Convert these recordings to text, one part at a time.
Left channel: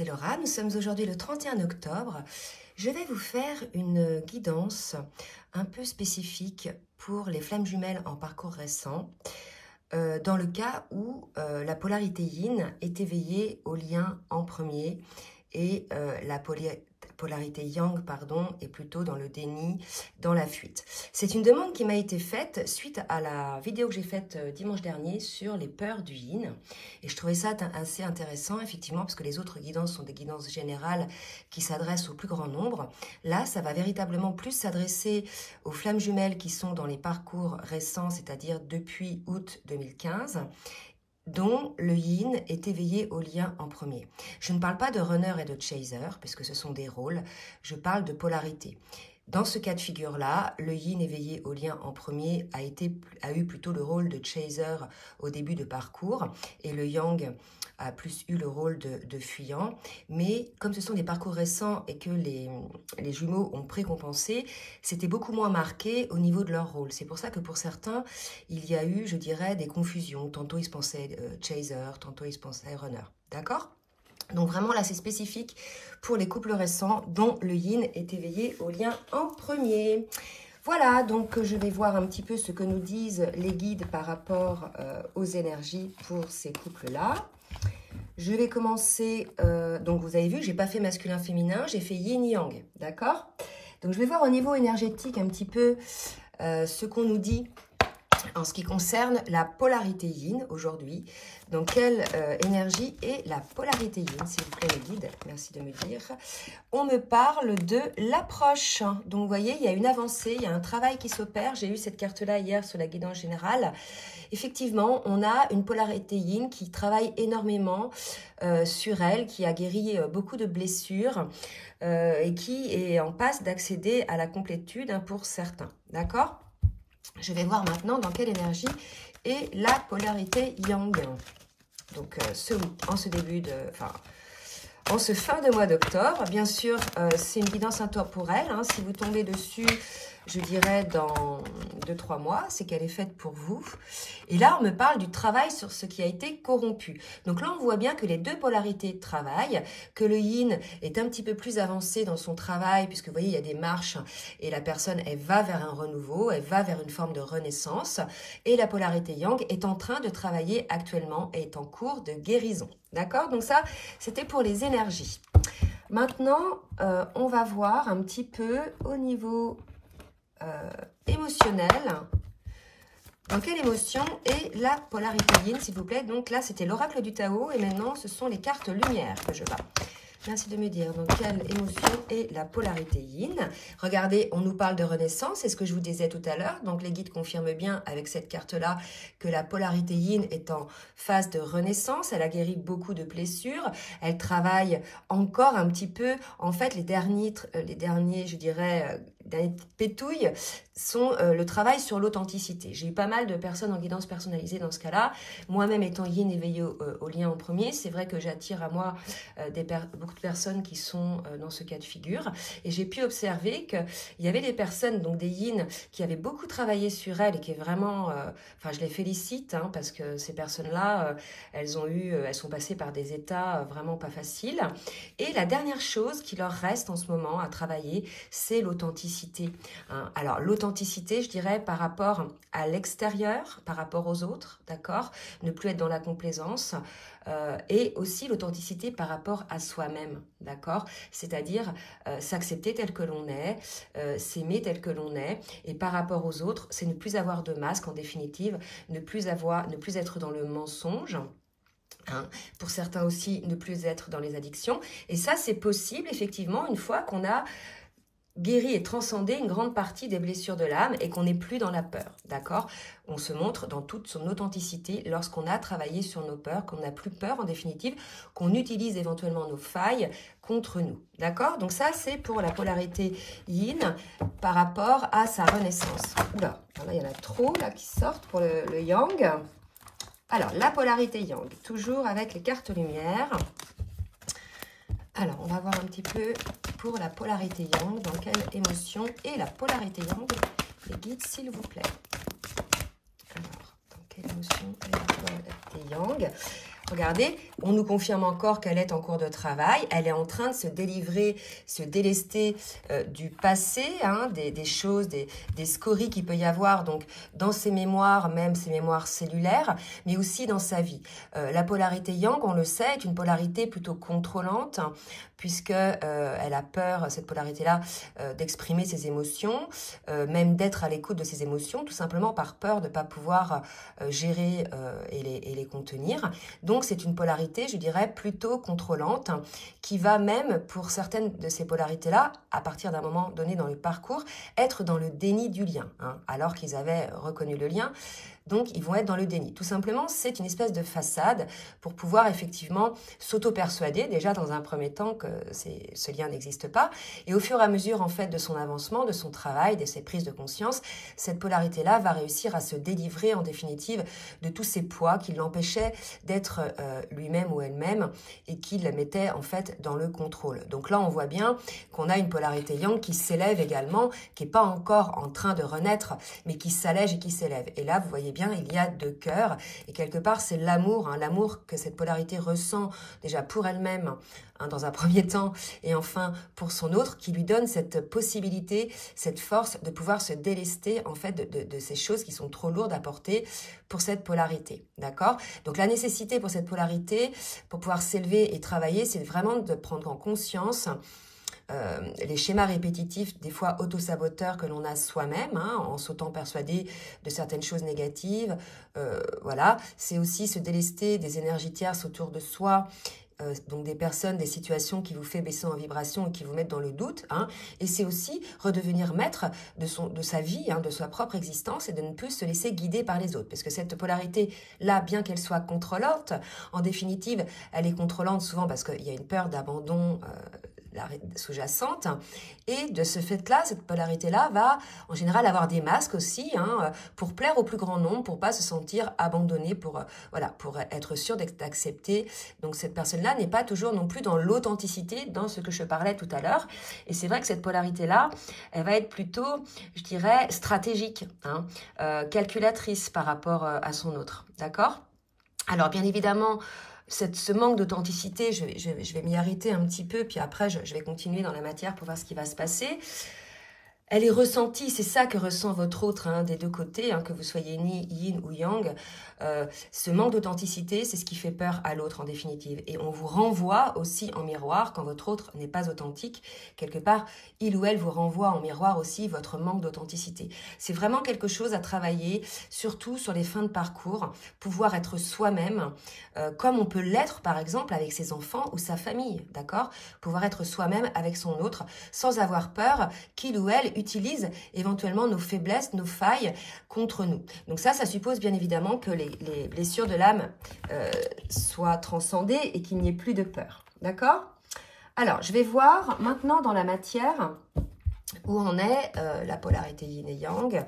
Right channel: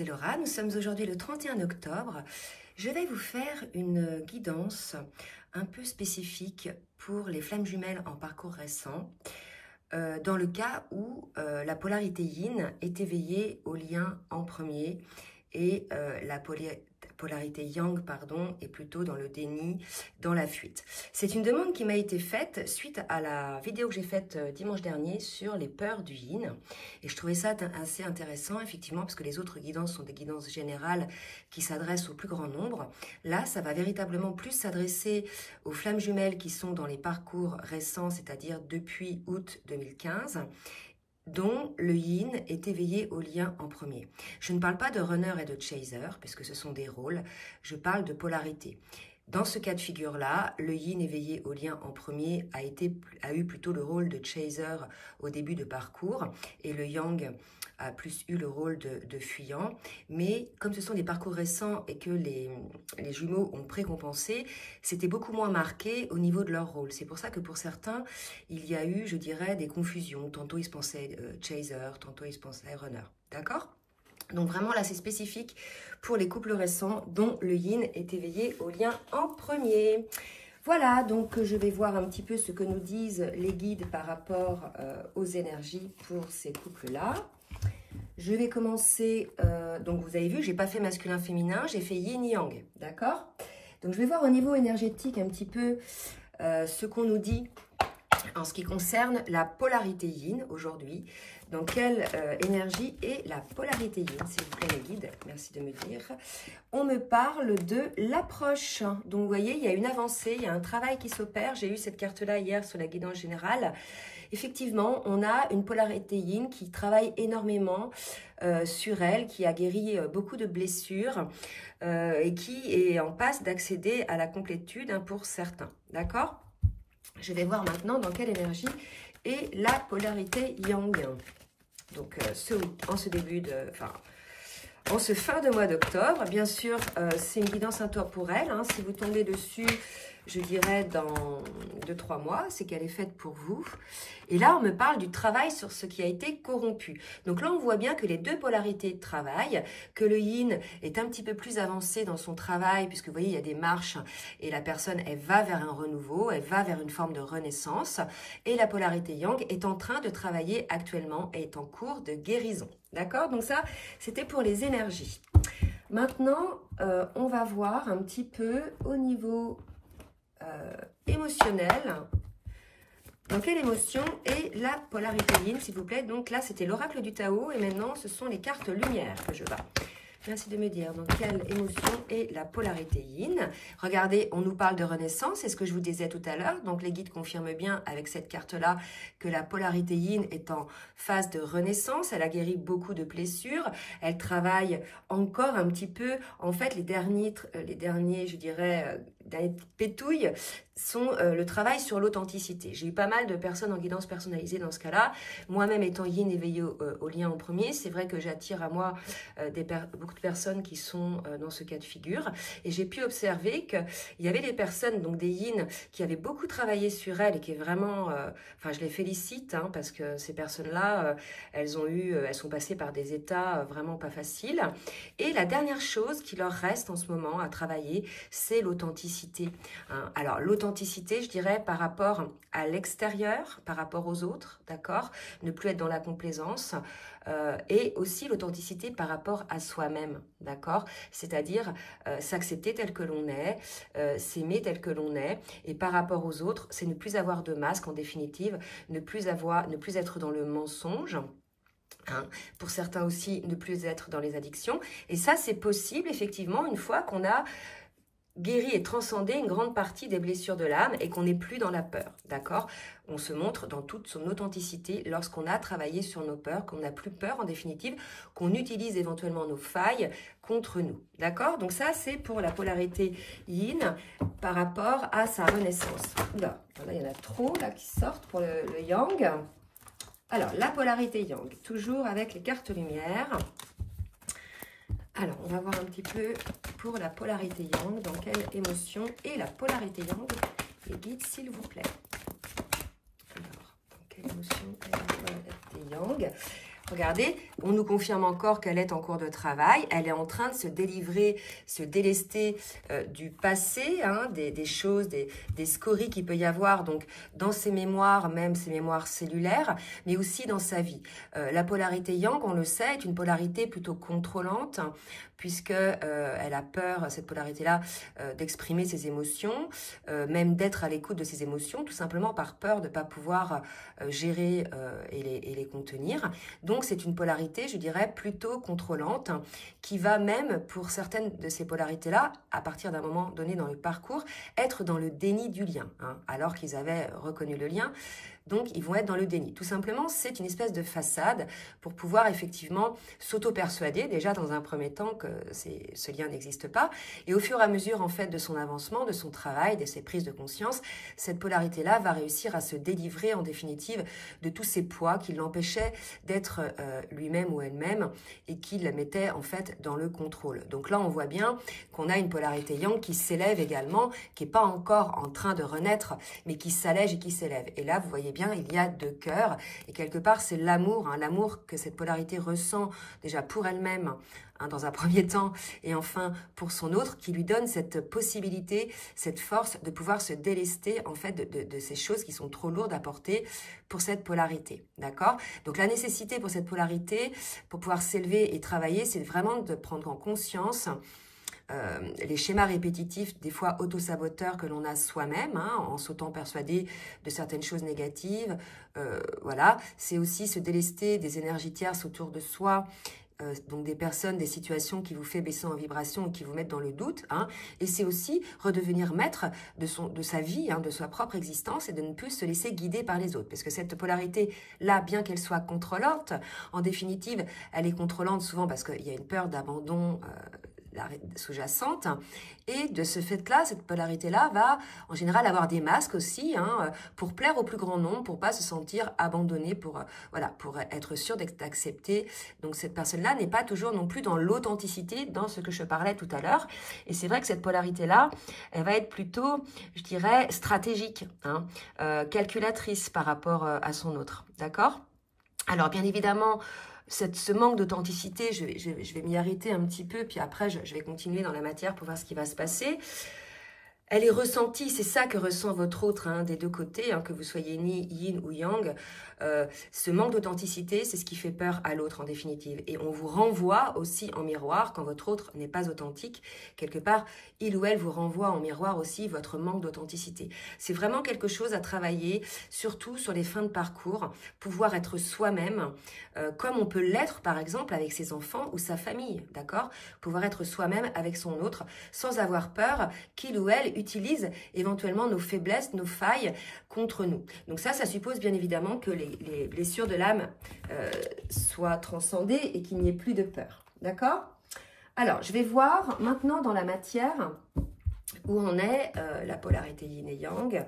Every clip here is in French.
c'est Laura. Nous sommes aujourd'hui le 31 octobre. Je vais vous faire une guidance un peu spécifique pour les flammes jumelles en parcours récent, dans le cas où la polarité yin est éveillée au lien en premier et la polarité yang, est plutôt dans le déni, dans la fuite. C'est une demande qui m'a été faite suite à la vidéo que j'ai faite dimanche dernier sur les peurs du yin. Et je trouvais ça assez intéressant, effectivement, parce que les autres guidances sont des guidances générales qui s'adressent au plus grand nombre. Là, ça va véritablement plus s'adresser aux flammes jumelles qui sont dans les parcours récents, c'est-à-dire depuis août 2015, dont le yin est éveillé au lien en premier. Je ne parle pas de runner et de chaser, puisque ce sont des rôles, je parle de polarité. Dans ce cas de figure-là, le yin éveillé au lien en premier a eu plutôt le rôle de chaser au début de parcours, et le yang a plus eu le rôle de fuyant. Mais comme ce sont des parcours récents et que les jumeaux ont précompensé, c'était beaucoup moins marqué au niveau de leur rôle. C'est pour ça que pour certains, il y a eu, je dirais, des confusions. Tantôt ils se pensaient chaser, tantôt ils se pensaient runner. D'accord ? Donc vraiment là, c'est spécifique pour les couples récents dont le yin est éveillé au lien en premier. Voilà, donc je vais voir un petit peu ce que nous disent les guides par rapport aux énergies pour ces couples-là. Je vais commencer, donc vous avez vu, j'ai pas fait masculin-féminin, j'ai fait yin-yang, d'accord? Donc je vais voir au niveau énergétique un petit peu ce qu'on nous dit en ce qui concerne la polarité yin aujourd'hui. Donc, quelle énergie est la polarité yin, s'il vous plaît, les guides? Merci de me dire. On me parle de l'approche. Donc, vous voyez, il y a une avancée, il y a un travail qui s'opère. J'ai eu cette carte-là hier sur la guidance générale. Effectivement, on a une polarité yin qui travaille énormément sur elle, qui a guéri beaucoup de blessures et qui est en passe d'accéder à la complétude pour certains. D'accord ? Je vais voir maintenant dans quelle énergie est la polarité yang. Donc, en ce fin de mois d'octobre, bien sûr, c'est une guidance intemporelle. Si vous tombez dessus, je dirais dans 2-3 mois, c'est qu'elle est faite pour vous. Et là, on me parle du travail sur ce qui a été corrompu. Donc là, on voit bien que les deux polarités travaillent, que le yin est un petit peu plus avancé dans son travail, puisque vous voyez, il y a des marches et la personne, elle va vers un renouveau, elle va vers une forme de renaissance. Et la polarité yang est en train de travailler actuellement et est en cours de guérison. D'accord? Donc ça, c'était pour les énergies. Maintenant, on va voir un petit peu au niveau émotionnel. Dans quelle émotion est la polarité yin, s'il vous plaît? Donc là, c'était l'oracle du Tao et maintenant, ce sont les cartes lumière que je bats. Merci de me dire dans quelle émotion est la polarité yin. Regardez, on nous parle de renaissance, c'est ce que je vous disais tout à l'heure. Donc les guides confirment bien avec cette carte-là que la polarité yin est en phase de renaissance. Elle a guéri beaucoup de blessures. Elle travaille encore un petit peu. En fait, les derniers je dirais, dernières pétouilles sont le travail sur l'authenticité. J'ai eu pas mal de personnes en guidance personnalisée dans ce cas-là. Moi-même étant yin éveillée au lien en premier, c'est vrai que j'attire à moi beaucoup de personnes qui sont dans ce cas de figure. Et j'ai pu observer qu'il y avait des personnes, donc des yin, qui avaient beaucoup travaillé sur elles et qui est vraiment... je les félicite parce que ces personnes-là, elles sont passées par des états vraiment pas faciles. Et la dernière chose qui leur reste en ce moment à travailler, c'est l'authenticité. Alors, l'authenticité, je dirais, par rapport à l'extérieur, par rapport aux autres, d'accord? Ne plus être dans la complaisance. Et aussi l'authenticité par rapport à soi-même, d'accord? C'est-à-dire s'accepter tel que l'on est, s'aimer tel que l'on est, et par rapport aux autres, c'est ne plus avoir de masque, en définitive, ne plus être dans le mensonge. Pour certains aussi, ne plus être dans les addictions. Et ça, c'est possible, effectivement, une fois qu'on a guéri et transcendé une grande partie des blessures de l'âme et qu'on n'est plus dans la peur, d'accord? On se montre dans toute son authenticité lorsqu'on a travaillé sur nos peurs, qu'on n'a plus peur en définitive, qu'on utilise éventuellement nos failles contre nous, d'accord? Donc ça, c'est pour la polarité yin par rapport à sa renaissance. Oula, là, il y en a trop là qui sortent pour le yang. Alors, la polarité yang, toujours avec les cartes lumière. Alors, on va voir un petit peu pour la polarité yang, dans quelle émotion est la polarité yang, les guides, s'il vous plaît. Alors, dans quelle émotion est la polarité yang? regardez, on nous confirme encore qu'elle est en cours de travail. Elle est en train de se délivrer, se délester du passé, hein, des choses, des scories qu'il peut y avoir donc dans ses mémoires, même ses mémoires cellulaires, mais aussi dans sa vie. La polarité yang, on le sait, est une polarité plutôt contrôlante, hein, puisque elle a peur, cette polarité-là, d'exprimer ses émotions, même d'être à l'écoute de ses émotions, tout simplement par peur de ne pas pouvoir gérer et les contenir. Donc, c'est une polarité, je dirais, plutôt contrôlante, hein, qui va même, pour certaines de ces polarités-là, à partir d'un moment donné dans le parcours, être dans le déni du lien, hein, alors qu'ils avaient reconnu le lien. Donc, ils vont être dans le déni. Tout simplement, c'est une espèce de façade pour pouvoir effectivement s'auto-persuader, déjà dans un premier temps, que ce lien n'existe pas. Et au fur et à mesure, en fait, de son avancement, de son travail, de ses prises de conscience, cette polarité-là va réussir à se délivrer, en définitive, de tous ces poids qui l'empêchaient d'être lui-même ou elle-même et qui le mettaient, en fait, dans le contrôle. Donc là, on voit bien qu'on a une polarité yang qui s'élève également, qui n'est pas encore en train de renaître, mais qui s'allège et qui s'élève. Et là, vous voyez bien, il y a deux cœurs et quelque part c'est l'amour, hein, l'amour que cette polarité ressent déjà pour elle-même, hein, dans un premier temps et enfin pour son autre, qui lui donne cette possibilité, cette force de pouvoir se délester en fait de ces choses qui sont trop lourdes à porter pour cette polarité, d'accord? Donc la nécessité pour cette polarité, pour pouvoir s'élever et travailler, c'est vraiment de prendre en conscience les schémas répétitifs, des fois auto-saboteurs que l'on a soi-même, hein, en s'autant persuadé de certaines choses négatives. Voilà, c'est aussi se délester des énergies tierces autour de soi, donc des personnes, des situations qui vous fait baisser en vibration et qui vous mettent dans le doute, hein. Et c'est aussi redevenir maître de sa vie, hein, de sa propre existence et de ne plus se laisser guider par les autres. Parce que cette polarité-là, bien qu'elle soit contrôlante, en définitive, elle est contrôlante souvent parce qu'il y a une peur d'abandon sous-jacente, et de ce fait-là, cette polarité-là va en général avoir des masques aussi, hein, pour plaire au plus grand nombre, pour pas se sentir abandonné, voilà, pour être sûr d'accepter. Donc cette personne-là n'est pas toujours non plus dans l'authenticité, dans ce que je parlais tout à l'heure, et c'est vrai que cette polarité-là, elle va être plutôt, je dirais, stratégique, hein, calculatrice par rapport à son autre, d'accord? Alors bien évidemment, ce manque d'authenticité, je vais m'y arrêter un petit peu, puis après je vais continuer dans la matière pour voir ce qui va se passer. Elle est ressentie, c'est ça que ressent votre autre, hein, des deux côtés, hein, que vous soyez ni yin ou yang. Ce manque d'authenticité, c'est ce qui fait peur à l'autre en définitive. Et on vous renvoie aussi en miroir, quand votre autre n'est pas authentique, quelque part, il ou elle vous renvoie en miroir aussi votre manque d'authenticité. C'est vraiment quelque chose à travailler, surtout sur les fins de parcours, pouvoir être soi-même, comme on peut l'être par exemple avec ses enfants ou sa famille, d'accord? Pouvoir être soi-même avec son autre, sans avoir peur qu'il ou elle utilise éventuellement nos faiblesses, nos failles contre nous. Donc ça suppose bien évidemment que les blessures de l'âme soient transcendées et qu'il n'y ait plus de peur. D'accord? Alors, je vais voir maintenant dans la matière où en est la polarité yin et yang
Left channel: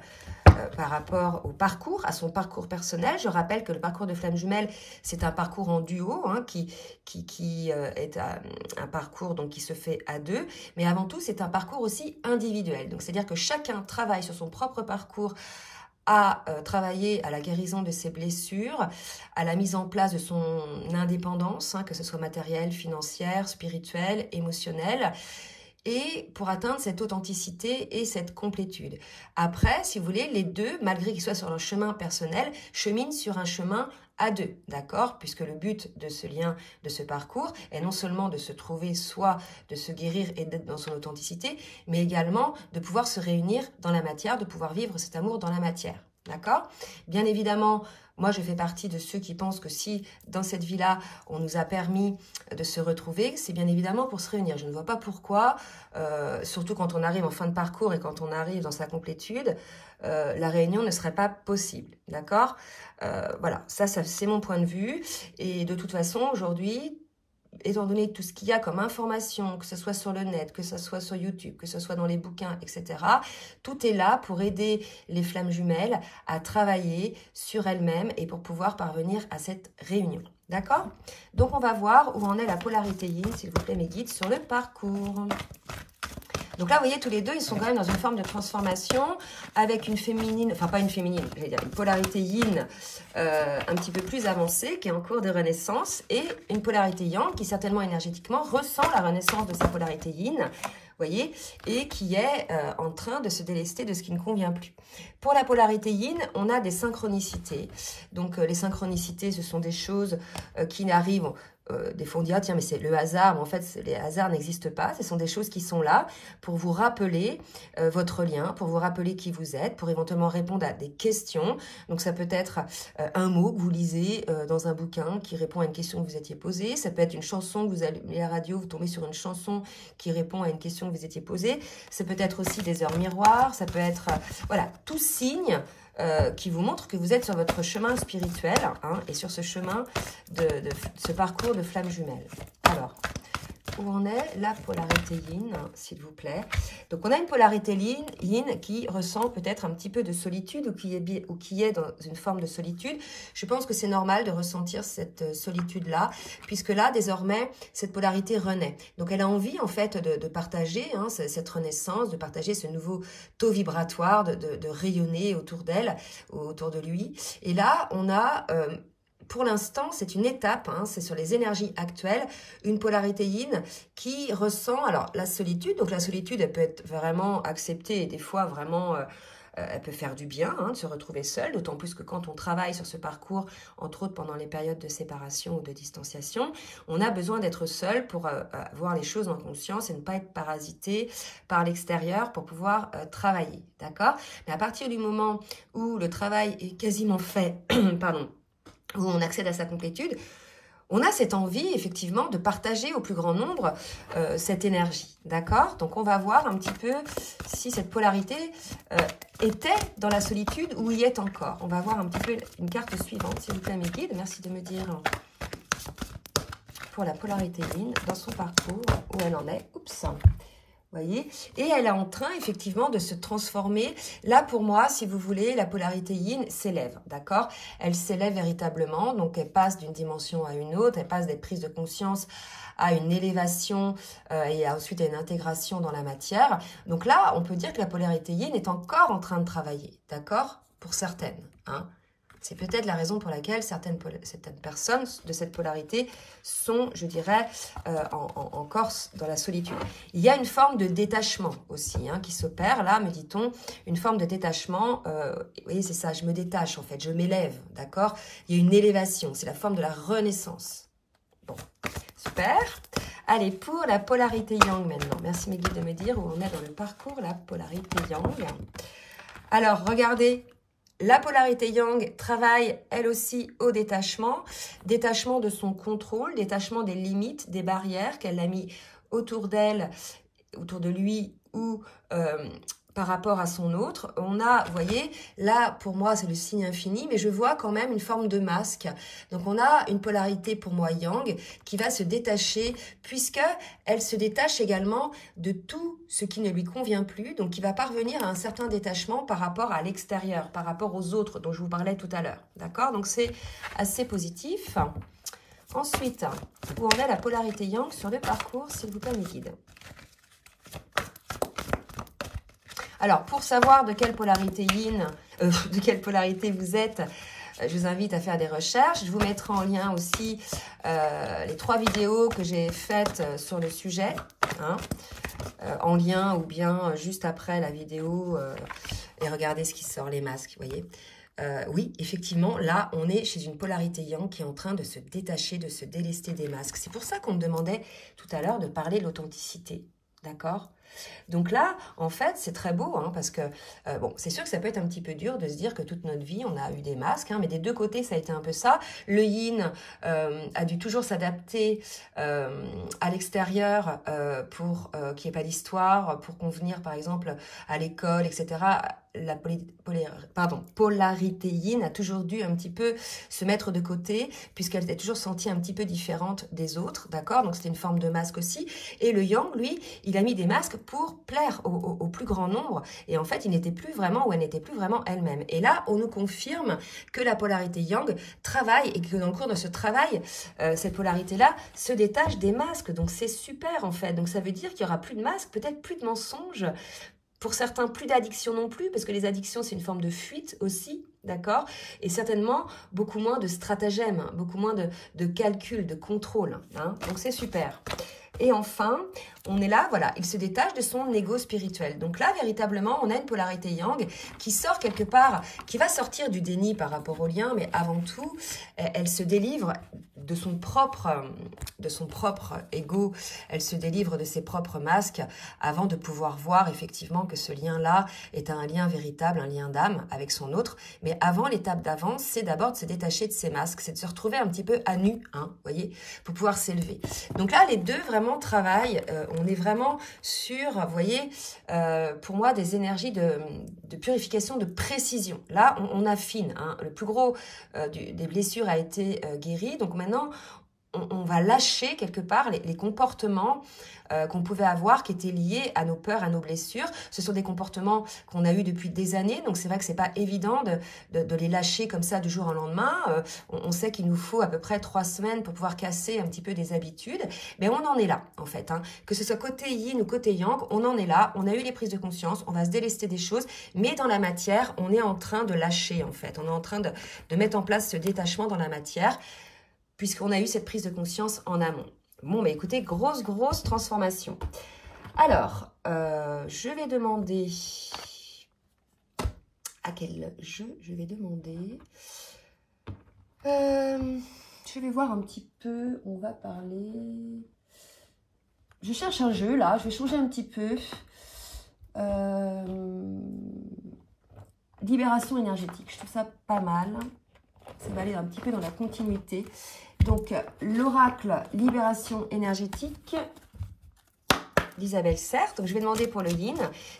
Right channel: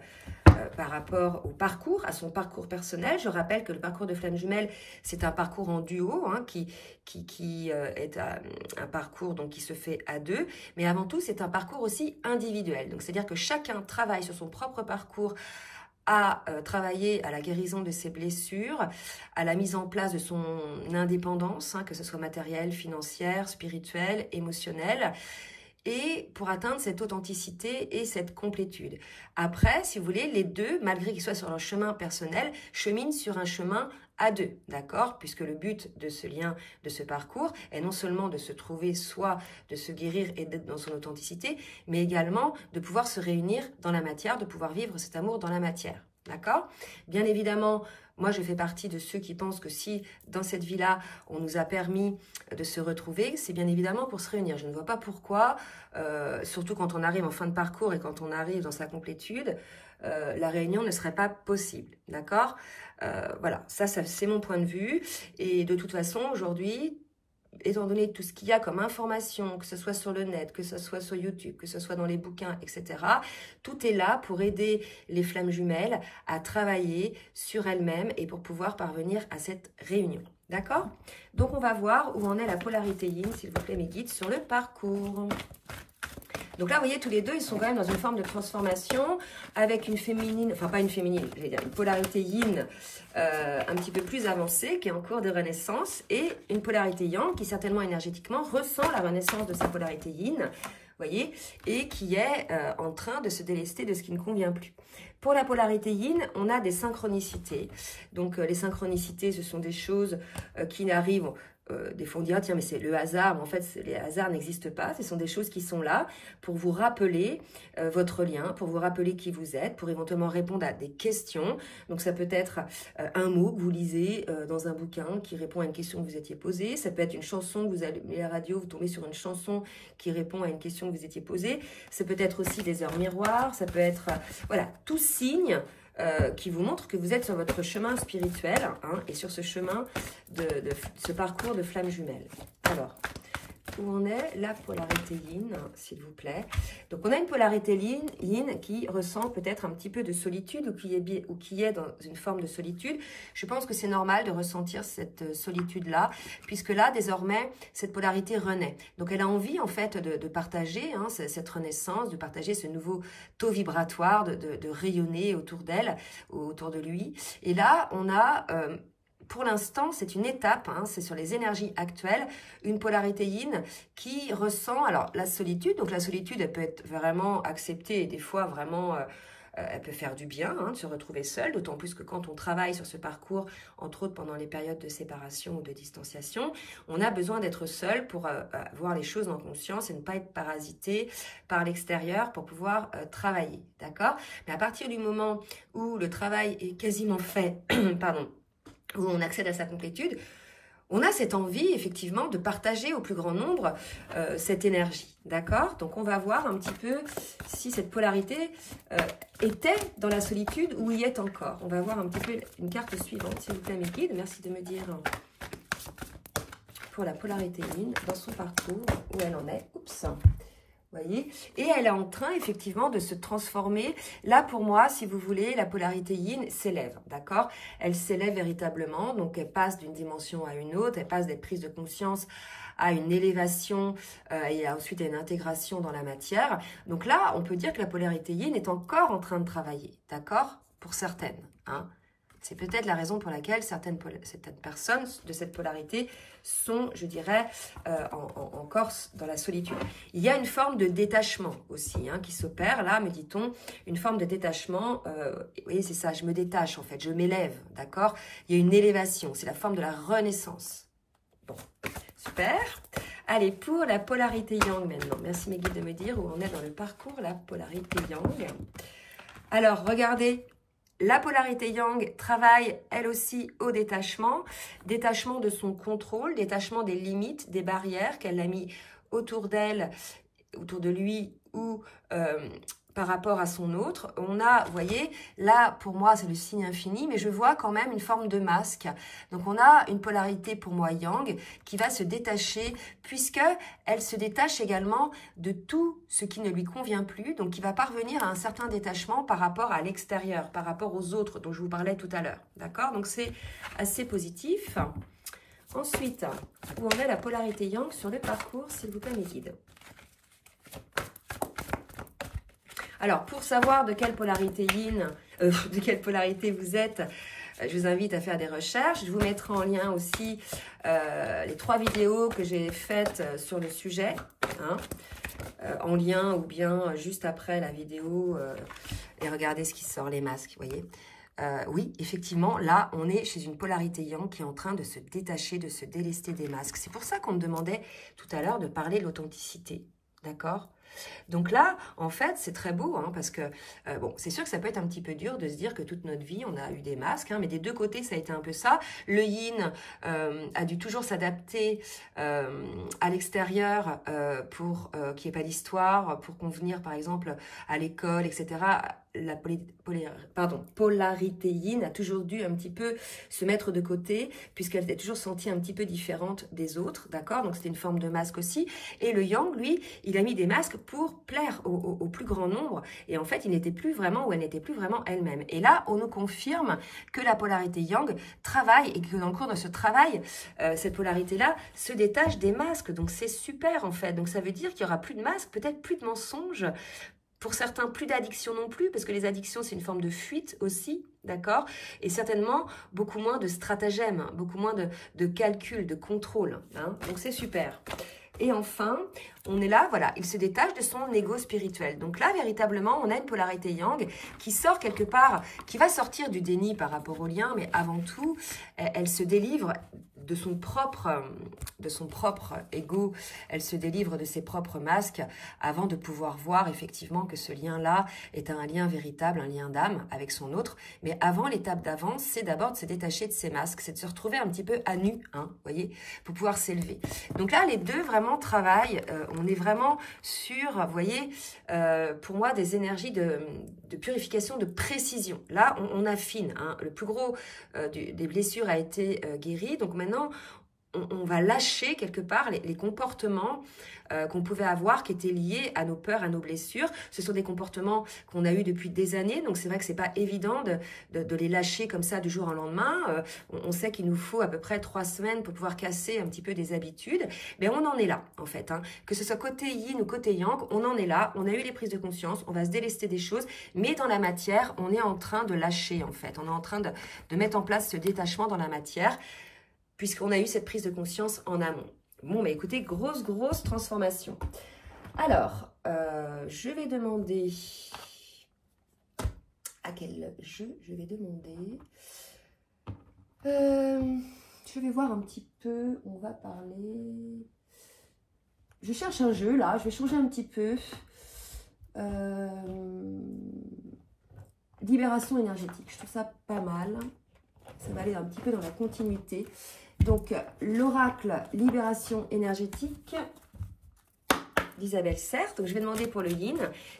par rapport au parcours, à son parcours personnel. Je rappelle que le parcours de flamme jumelle, c'est un parcours en duo, hein, qui est un parcours donc, qui se fait à deux, mais avant tout, c'est un parcours aussi individuel. Donc, c'est-à-dire que chacun travaille sur son propre parcours, à travailler à la guérison de ses blessures, à la mise en place de son indépendance, hein, que ce soit matérielle, financière, spirituelle, émotionnelle, et pour atteindre cette authenticité et cette complétude. Après, si vous voulez, les deux, malgré qu'ils soient sur leur chemin personnel, cheminent sur un chemin à deux, d'accord? Puisque le but de ce lien, de ce parcours, est non seulement de se trouver soi, de se guérir et d'être dans son authenticité, mais également de pouvoir se réunir dans la matière, de pouvoir vivre cet amour dans la matière, d'accord? Bien évidemment, moi, je fais partie de ceux qui pensent que si, dans cette vie-là, on nous a permis de se retrouver, c'est bien évidemment pour se réunir. Je ne vois pas pourquoi, surtout quand on arrive en fin de parcours et quand on arrive dans sa complétude, la réunion ne serait pas possible, d'accord? Voilà, ça c'est mon point de vue. Et de toute façon, aujourd'hui, étant donné tout ce qu'il y a comme information, que ce soit sur le net, que ce soit sur YouTube, que ce soit dans les bouquins, etc., tout est là pour aider les flammes jumelles à travailler sur elles-mêmes et pour pouvoir parvenir à cette réunion. D'accord? Donc, on va voir où en est la polarité yin, s'il vous plaît, mes guides, sur le parcours. Donc là, vous voyez, tous les deux, ils sont quand même dans une forme de transformation avec une féminine, enfin pas une féminine, je vais dire une polarité yin un petit peu plus avancée qui est en cours de renaissance et une polarité yang qui certainement énergétiquement ressent la renaissance de sa polarité yin, voyez, et qui est en train de se délester de ce qui ne convient plus. Pour la polarité yin, on a des synchronicités. Donc, les synchronicités, ce sont des choses qui n'arrivent... des fois on dit, ah, tiens, mais c'est le hasard, mais en fait, les hasards n'existent pas. Ce sont des choses qui sont là pour vous rappeler votre lien, pour vous rappeler qui vous êtes, pour éventuellement répondre à des questions. Donc, ça peut être un mot que vous lisez dans un bouquin qui répond à une question que vous étiez posée. Ça peut être une chanson que vous allumez la radio, vous tombez sur une chanson qui répond à une question que vous étiez posée. Ça peut être aussi des heures miroirs. Ça peut être, voilà, tout signe qui vous montre que vous êtes sur votre chemin spirituel hein, et sur ce chemin de ce parcours de flamme jumelle. Alors, où en est la polarité yin, s'il vous plaît? Donc, on a une polarité yin qui ressent peut-être un petit peu de solitude ou qui est dans une forme de solitude. Je pense que c'est normal de ressentir cette solitude-là, puisque là, désormais, cette polarité renaît. Donc, elle a envie, en fait, de partager hein, cette renaissance, de partager ce nouveau taux vibratoire, de rayonner autour d'elle, autour de lui. Et là, on a... pour l'instant, c'est une étape, hein, c'est sur les énergies actuelles, une polarité yin qui ressent alors la solitude. Donc la solitude, elle peut être vraiment acceptée et des fois vraiment, elle peut faire du bien hein, de se retrouver seule, d'autant plus que quand on travaille sur ce parcours, entre autres pendant les périodes de séparation ou de distanciation, on a besoin d'être seul pour voir les choses en conscience et ne pas être parasité par l'extérieur pour pouvoir travailler, d'accord? Mais à partir du moment où le travail est quasiment fait, pardon, où on accède à sa complétude, on a cette envie, effectivement, de partager au plus grand nombre cette énergie, d'accord? Donc, on va voir un petit peu si cette polarité était dans la solitude ou y est encore. On va voir un petit peu une carte suivante, s'il vous plaît, mes guides. Merci de me dire pour la polarité yin, dans son parcours, où elle en est. Oups! Voyez, et elle est en train effectivement de se transformer. Là, pour moi, si vous voulez, la polarité yin s'élève, d'accord? Elle s'élève véritablement, donc elle passe d'une dimension à une autre, elle passe d'être prise de conscience à une élévation et ensuite à une intégration dans la matière. Donc là, on peut dire que la polarité yin est encore en train de travailler, d'accord? Pour certaines, hein? C'est peut-être la raison pour laquelle certaines personnes de cette polarité sont, je dirais, encore dans la solitude. Il y a une forme de détachement aussi hein, qui s'opère, là, me dit-on, une forme de détachement. Vous voyez, c'est ça, je me détache en fait, je m'élève, d'accord? Il y a une élévation, c'est la forme de la renaissance. Bon, super. Allez, pour la polarité yang maintenant. Merci mes guides de me dire où on est dans le parcours, la polarité yang. Alors, regardez. La polarité yang travaille, elle aussi, au détachement. Détachement de son contrôle, détachement des limites, des barrières qu'elle a mis autour d'elle, autour de lui ou par rapport à son autre. On a, vous voyez, là, pour moi, c'est le signe infini, mais je vois quand même une forme de masque. Donc, on a une polarité, pour moi, yang, qui va se détacher, puisqu'elle se détache également de tout ce qui ne lui convient plus, donc qui va parvenir à un certain détachement par rapport à l'extérieur, par rapport aux autres, dont je vous parlais tout à l'heure. D'accord? Donc, c'est assez positif. Ensuite, où en est la polarité yang sur le parcours, s'il vous plaît, mes guides? Alors, pour savoir de quelle polarité yin, de quelle polarité vous êtes, je vous invite à faire des recherches. Je vous mettrai en lien aussi les 3 vidéos que j'ai faites sur le sujet, hein, en lien ou bien juste après la vidéo. Et regardez ce qui sort, les masques, vous voyez. Oui, effectivement, là, on est chez une polarité yang qui est en train de se détacher, de se délester des masques. C'est pour ça qu'on me demandait tout à l'heure de parler de l'authenticité, d'accord ? Donc là, en fait, c'est très beau, hein, parce que, bon, c'est sûr que ça peut être un petit peu dur de se dire que toute notre vie, on a eu des masques, hein, mais des deux côtés, ça a été un peu ça. Le yin a dû toujours s'adapter à l'extérieur pour qu'il n'y ait pas d'histoire, pour convenir, par exemple, à l'école, etc. La polarité yin a toujours dû un petit peu se mettre de côté, puisqu'elle était toujours sentie un petit peu différente des autres, d'accord? Donc, c'était une forme de masque aussi. Et le yang, lui, il a mis des masques pour plaire au plus grand nombre. Et en fait, il n'était plus vraiment ou elle n'était plus vraiment elle-même. Et là, on nous confirme que la polarité yang travaille et que dans le cours de ce travail, cette polarité-là se détache des masques. Donc, c'est super en fait. Donc, ça veut dire qu'il n'y aura plus de masques, peut-être plus de mensonges. Pour certains, plus d'addiction non plus, parce que les addictions, c'est une forme de fuite aussi, d'accord? Et certainement, beaucoup moins de stratagèmes, hein, beaucoup moins de calcul, de contrôle. Hein, donc, c'est super. Et enfin, on est là, voilà, il se détache de son ego spirituel. Donc là, véritablement, on a une polarité yang qui sort quelque part, qui va sortir du déni par rapport au lien, mais avant tout, elle se délivre de son propre ego, elle se délivre de ses propres masques avant de pouvoir voir effectivement que ce lien-là est un lien véritable, un lien d'âme avec son autre. Mais avant, l'étape d'avant, c'est d'abord de se détacher de ses masques, c'est de se retrouver un petit peu à nu, hein, voyez, pour pouvoir s'élever. Donc là, les deux vraiment travaillent, on est vraiment sur, vous voyez, pour moi, des énergies de purification, de précision. Là, on affine, hein, le plus gros des blessures a été guéri, donc maintenant, on va lâcher quelque part les comportements qu'on pouvait avoir qui étaient liés à nos peurs, à nos blessures. Ce sont des comportements qu'on a eus depuis des années, donc c'est vrai que c'est pas évident de les lâcher comme ça du jour au lendemain. On sait qu'il nous faut à peu près 3 semaines pour pouvoir casser un petit peu des habitudes, mais on en est là en fait. Hein. Que ce soit côté yin ou côté yang, on en est là, on a eu les prises de conscience, on va se délester des choses, mais dans la matière, on est en train de lâcher en fait. On est en train de mettre en place ce détachement dans la matière, puisqu'on a eu cette prise de conscience en amont. Bon, bah écoutez, grosse transformation. Alors, je vais demander à quel jeu je vais demander. Je vais voir un petit peu, on va parler. Je cherche un jeu là, je vais changer un petit peu. Libération énergétique, je trouve ça pas mal. Ça va aller un petit peu dans la continuité. Donc, l'oracle libération énergétique d'Isabelle Serre. Donc, je vais demander pour le yin.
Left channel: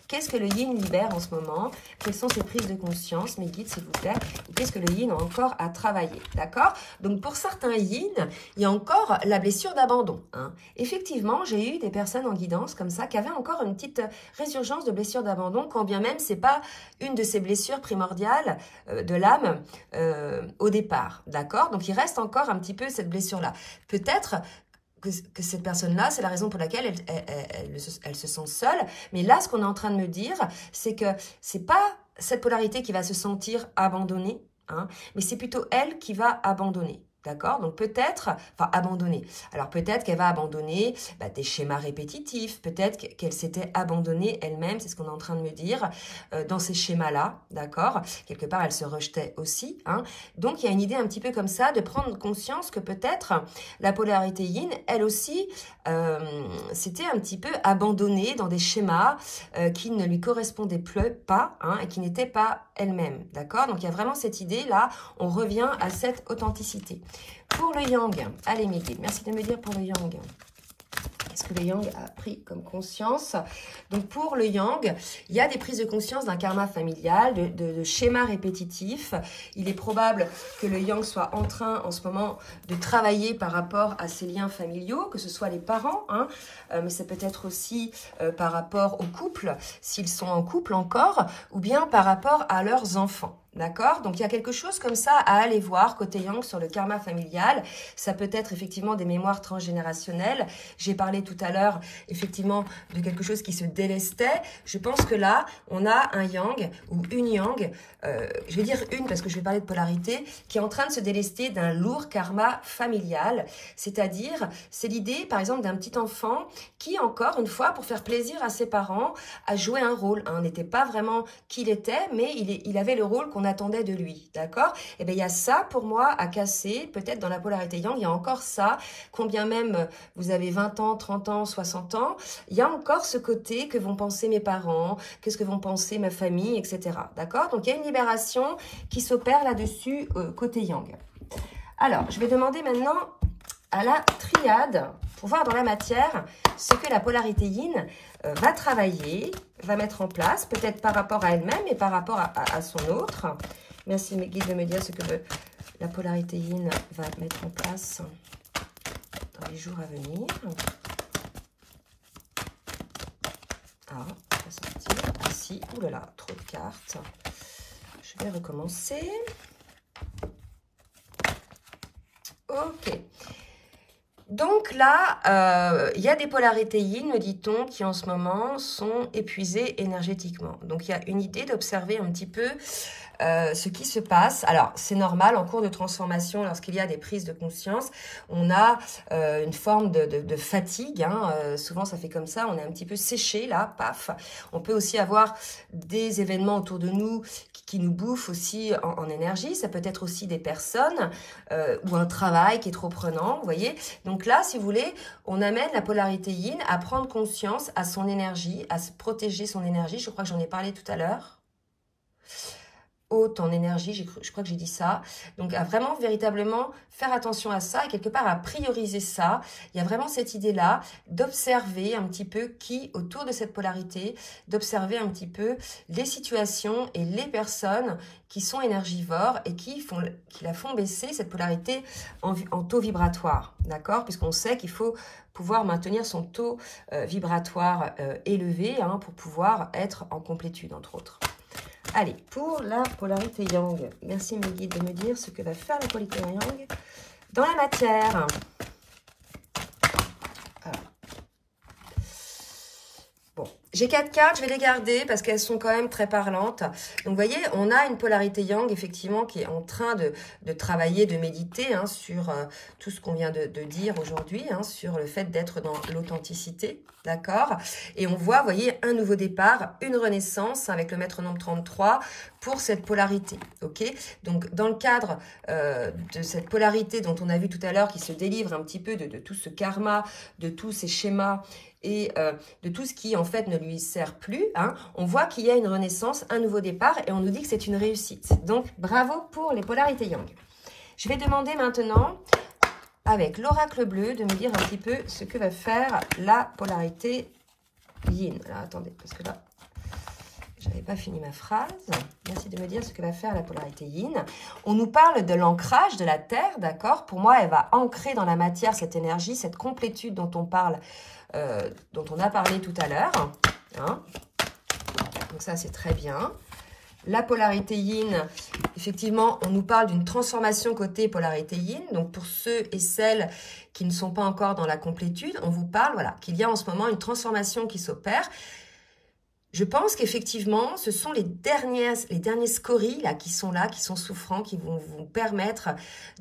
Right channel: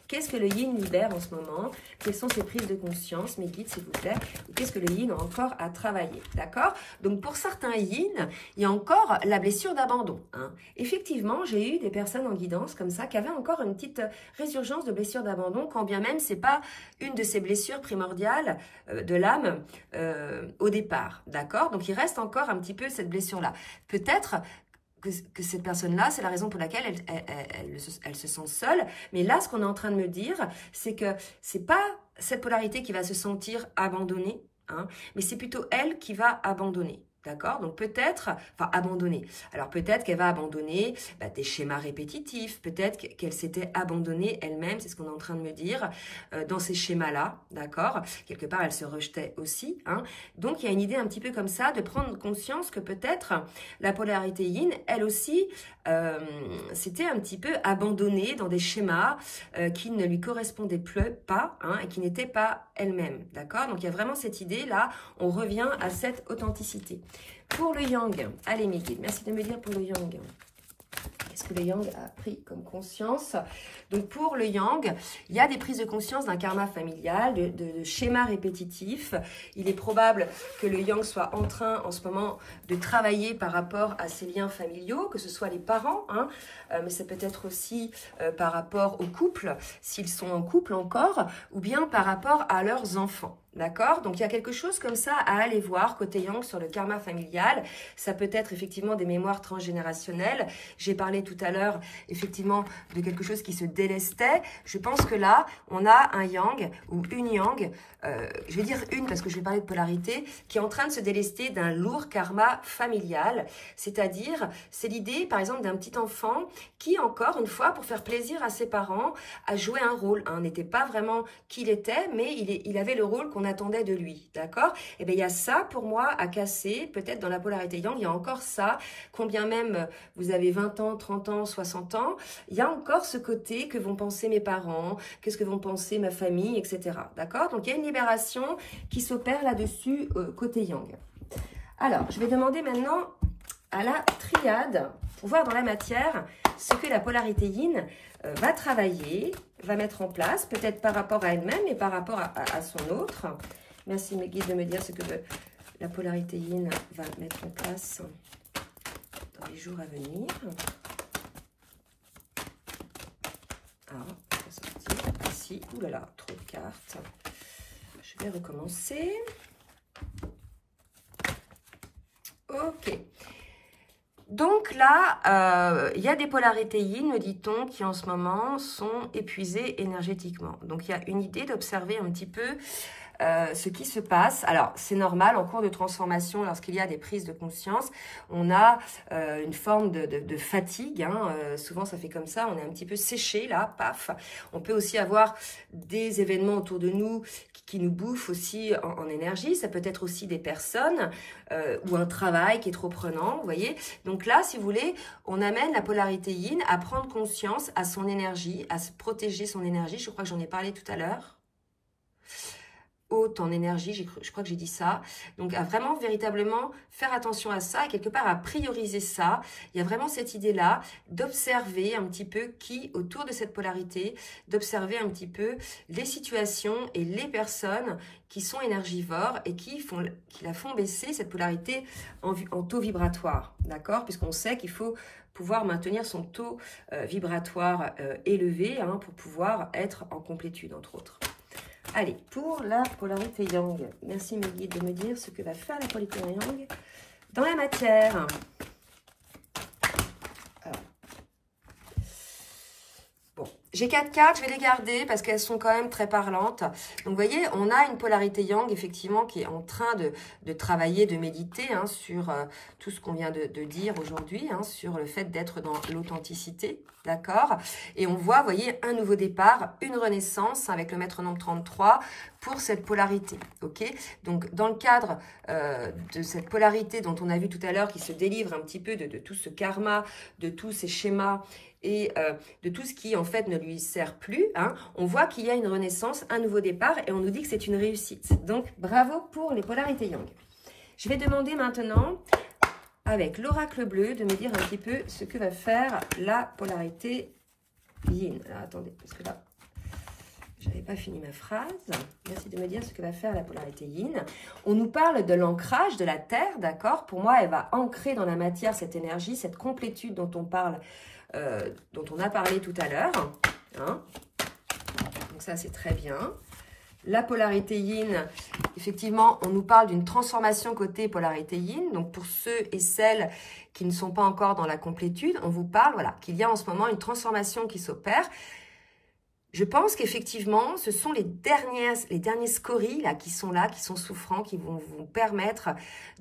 Qu'est-ce que le yin libère en ce moment? Quelles sont ses prises de conscience? Mes guides, s'il vous plaît. Qu'est-ce que le yin a encore à travailler? D'accord? Donc, pour certains yin, il y a encore la blessure d'abandon. Hein. Effectivement, j'ai eu des personnes en guidance comme ça qui avaient encore une petite résurgence de blessure d'abandon, quand bien même c'est pas une de ces blessures primordiales de l'âme au départ. D'accord? Donc, il reste encore un petit peu cette blessure-là. Peut-être que cette personne-là, c'est la raison pour laquelle elle se sent seule. Mais là, ce qu'on est en train de me dire, c'est que c'est pas cette polarité qui va se sentir abandonnée, hein, mais c'est plutôt elle qui va abandonner. D'accord? Donc peut-être, enfin abandonner. Alors peut-être qu'elle va abandonner des schémas répétitifs, peut-être qu'elle s'était abandonnée elle-même, c'est ce qu'on est en train de me dire, dans ces schémas-là, d'accord? Quelque part, elle se rejetait aussi. Hein? Donc il y a une idée un petit peu comme ça, de prendre conscience que peut-être la polarité yin, elle aussi, s'était un petit peu abandonnée dans des schémas qui ne lui correspondaient pas, hein, et qui n'étaient pas elle-même, d'accord? Donc il y a vraiment cette idée-là, on revient à cette authenticité. Pour le yang, allez mes guides, merci de me dire pour le yang. Qu'est-ce que le yang a pris comme conscience? Donc pour le yang, il y a des prises de conscience d'un karma familial, de schémas répétitifs. Il est probable que le yang soit en train en ce moment de travailler par rapport à ses liens familiaux, que ce soit les parents, hein, mais c'est peut-être aussi par rapport au couple, s'ils sont en couple encore, ou bien par rapport à leurs enfants. D'accord? Donc, il y a quelque chose comme ça à aller voir côté yang sur le karma familial. Ça peut être effectivement des mémoires transgénérationnelles. J'ai parlé tout à l'heure effectivement de quelque chose qui se délestait. Je pense que là, on a un yang ou une yang, je vais dire une parce que je vais parler de polarité, qui est en train de se délester d'un lourd karma familial. C'est-à-dire, c'est l'idée par exemple d'un petit enfant qui, encore une fois, pour faire plaisir à ses parents, a joué un rôle. Hein, n'était pas vraiment qui il était, mais il avait le rôle qu'on attendait de lui, d'accord? Et bien, il y a ça pour moi à casser, peut-être dans la polarité yang, il y a encore ça, combien même vous avez 20 ans, 30 ans, 60 ans, il y a encore ce côté que vont penser mes parents, qu'est-ce que vont penser ma famille, etc. D'accord? Donc, il y a une libération qui s'opère là-dessus côté yang. Alors, je vais demander maintenant à la triade, pour voir dans la matière ce que la polarité yin va travailler, va mettre en place, peut-être par rapport à elle-même et par rapport à son autre. Merci mes guides de me dire ce que la polarité yin va mettre en place dans les jours à venir. Ah, on va sortir ici. Ouh là là, trop de cartes. Je vais recommencer. Ok. Donc là, il y a des polarités yin, me dit-on, qui en ce moment sont épuisées énergétiquement. Donc il y a une idée d'observer un petit peu ce qui se passe. Alors, c'est normal, en cours de transformation, lorsqu'il y a des prises de conscience, on a une forme de fatigue. Hein. Souvent, ça fait comme ça, on est un petit peu séché, là, paf. On peut aussi avoir des événements autour de nous qui nous bouffent aussi en énergie. Ça peut être aussi des personnes ou un travail qui est trop prenant, vous voyez. Donc là, si vous voulez, on amène la polarité yin à prendre conscience à son énergie, à se protéger son énergie. Je crois que j'en ai parlé tout à l'heure. Haute en énergie, je crois que j'ai dit ça. Donc, à vraiment, véritablement faire attention à ça et quelque part à prioriser ça. Il y a vraiment cette idée-là d'observer un petit peu qui, autour de cette polarité, d'observer un petit peu les situations et les personnes qui sont énergivores et qui la font baisser, cette polarité en taux vibratoire, d'accord? Puisqu'on sait qu'il faut pouvoir maintenir son taux vibratoire élevé hein, pour pouvoir être en complétude, entre autres. Allez, pour la polarité yang, merci mes guides de me dire ce que va faire la polarité yang dans la matière. Alors. Bon, j'ai 4 cartes, je vais les garder parce qu'elles sont quand même très parlantes. Donc, vous voyez, on a une polarité yang, effectivement, qui est en train de travailler, de méditer hein, sur tout ce qu'on vient de dire aujourd'hui, hein, sur le fait d'être dans l'authenticité, d'accord? Et on voit, vous voyez, un nouveau départ, une renaissance avec le maître nombre 33 pour cette polarité, ok? Donc, dans le cadre de cette polarité dont on a vu tout à l'heure, qui se délivre un petit peu de tout ce karma, de tous ces schémas, et de tout ce qui, en fait, ne lui sert plus, hein, on voit qu'il y a une renaissance, un nouveau départ, et on nous dit que c'est une réussite. Donc, bravo pour les polarités yang. Je vais demander maintenant, avec l'oracle bleu, de me dire un petit peu ce que va faire la polarité yin. Alors, attendez, parce que là, je n'avais pas fini ma phrase. Merci de me dire ce que va faire la polarité yin. On nous parle de l'ancrage de la Terre, d'accord? Pour moi, elle va ancrer dans la matière cette énergie, cette complétude dont on parle, dont on a parlé tout à l'heure. Hein, donc ça, c'est très bien. La polarité yin, effectivement, on nous parle d'une transformation côté polarité yin. Donc, pour ceux et celles qui ne sont pas encore dans la complétude, on vous parle, voilà, qu'il y a en ce moment une transformation qui s'opère. Je pense qu'effectivement, ce sont les derniers scories là, qui sont souffrants, qui vont vous permettre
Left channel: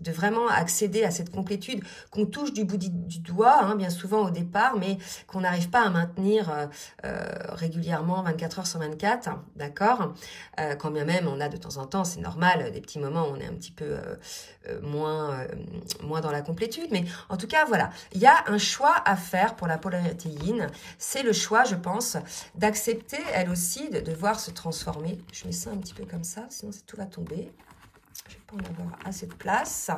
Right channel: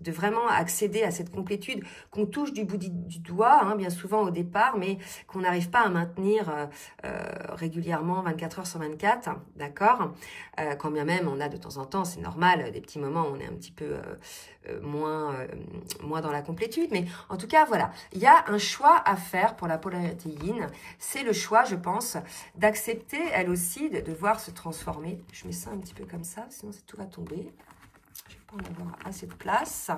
de vraiment accéder à cette complétude qu'on touche du bout du doigt, hein, bien souvent au départ, mais qu'on n'arrive pas à maintenir régulièrement 24 heures sur 24, d'accord? Quand bien même on a de temps en temps, c'est normal, des petits moments où on est un petit peu moins dans la complétude, mais en tout cas, voilà, il y a un choix à faire pour la polarité yin. C'est le choix, je pense, d'accepter elle aussi de voir se transformer. Je mets ça un petit peu comme ça, sinon tout va tomber. Je ne vais pas en avoir assez de place.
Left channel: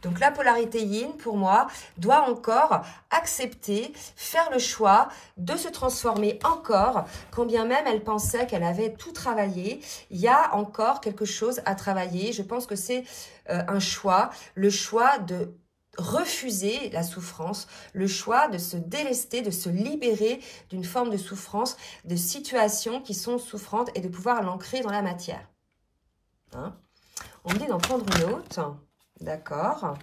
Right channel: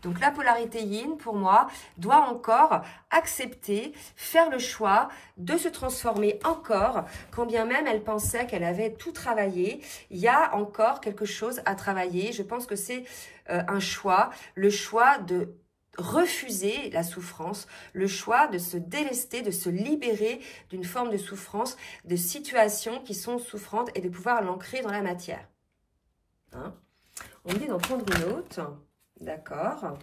Donc la polarité yin, pour moi, doit encore accepter, faire le choix de se transformer encore, quand bien même elle pensait qu'elle avait tout travaillé. Il y a encore quelque chose à travailler. Je pense que c'est un choix, le choix de refuser la souffrance, le choix de se délester, de se libérer d'une forme de souffrance, de situations qui sont souffrantes et de pouvoir l'ancrer dans la matière. Hein? On me dit d'en prendre une autre, d'accord?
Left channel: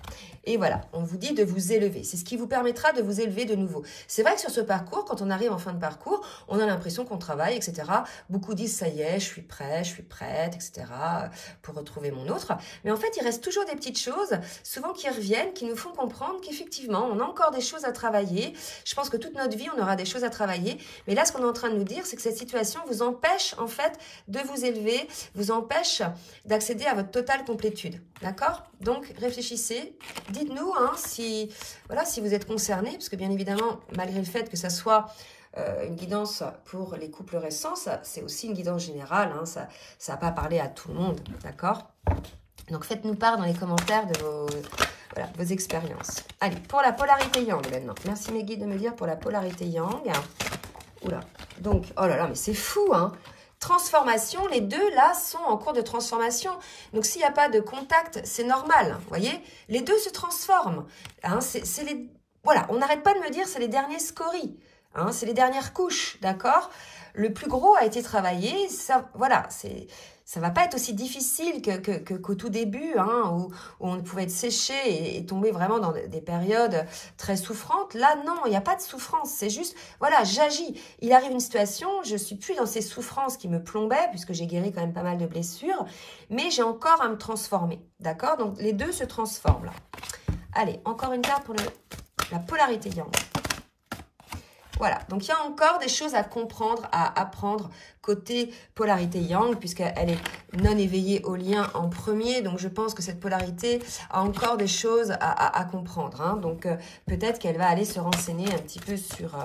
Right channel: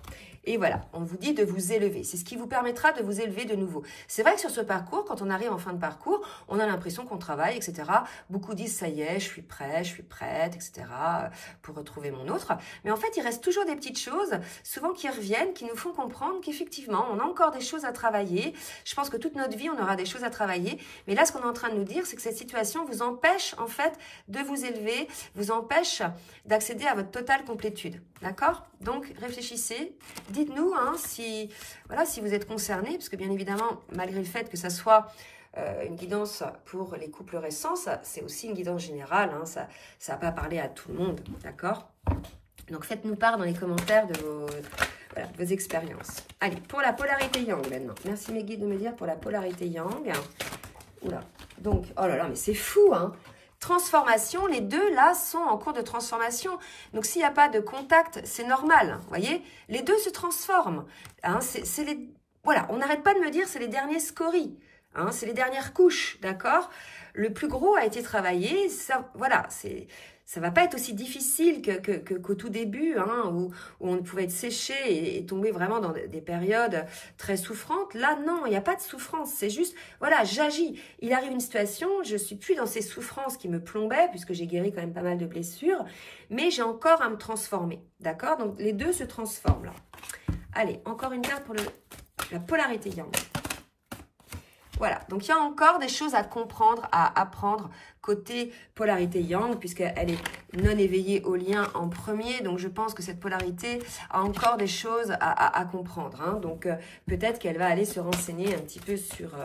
Et voilà, on vous dit de vous élever. C'est ce qui vous permettra de vous élever de nouveau. C'est vrai que sur ce parcours, quand on arrive en fin de parcours, on a l'impression qu'on travaille, etc. Beaucoup disent, ça y est, je suis prêt, je suis prête, etc. pour retrouver mon autre. Mais en fait, il reste toujours des petites choses, souvent qui reviennent, qui nous font comprendre qu'effectivement, on a encore des choses à travailler. Je pense que toute notre vie, on aura des choses à travailler. Mais là, ce qu'on est en train de nous dire, c'est que cette situation vous empêche, en fait, de vous élever, vous empêche d'accéder à votre totale complétude. D'accord? Donc, réfléchissez. Dites-nous hein, si vous êtes concernés, parce que bien évidemment, malgré le fait que ça soit une guidance pour les couples récents, c'est aussi une guidance générale, hein, ça va pas parler à tout le monde, d'accord? Donc faites-nous part dans les commentaires de vos expériences. Allez, pour la polarité yang maintenant. Merci mes guides de me dire pour la polarité yang. Oula, donc, oh là là, mais c'est fou, hein! Transformation, les deux là sont en cours de transformation. Donc s'il n'y a pas de contact, c'est normal. Vous voyez, les deux se transforment. Hein, voilà, on n'arrête pas de me dire c'est les derniers scories. Hein, c'est les dernières couches, d'accord? le plus gros a été travaillé. Ça, voilà, ça va pas être aussi difficile qu'au tout début, hein, où on pouvait être séché et tomber vraiment dans des périodes très souffrantes. Là, non, il n'y a pas de souffrance. C'est juste, voilà, j'agis. Il arrive une situation, je suis plus dans ces souffrances qui me plombaient, puisque j'ai guéri quand même pas mal de blessures, mais j'ai encore à me transformer. D'accord? Donc, les deux se transforment là. Allez, encore une carte pour la polarité yang. Voilà, donc il y a encore des choses à comprendre, à apprendre côté polarité yang, puisqu'elle est non éveillée au lien en premier. Donc, je pense que cette polarité a encore des choses à comprendre. Hein. Donc, peut-être qu'elle va aller se renseigner un petit peu sur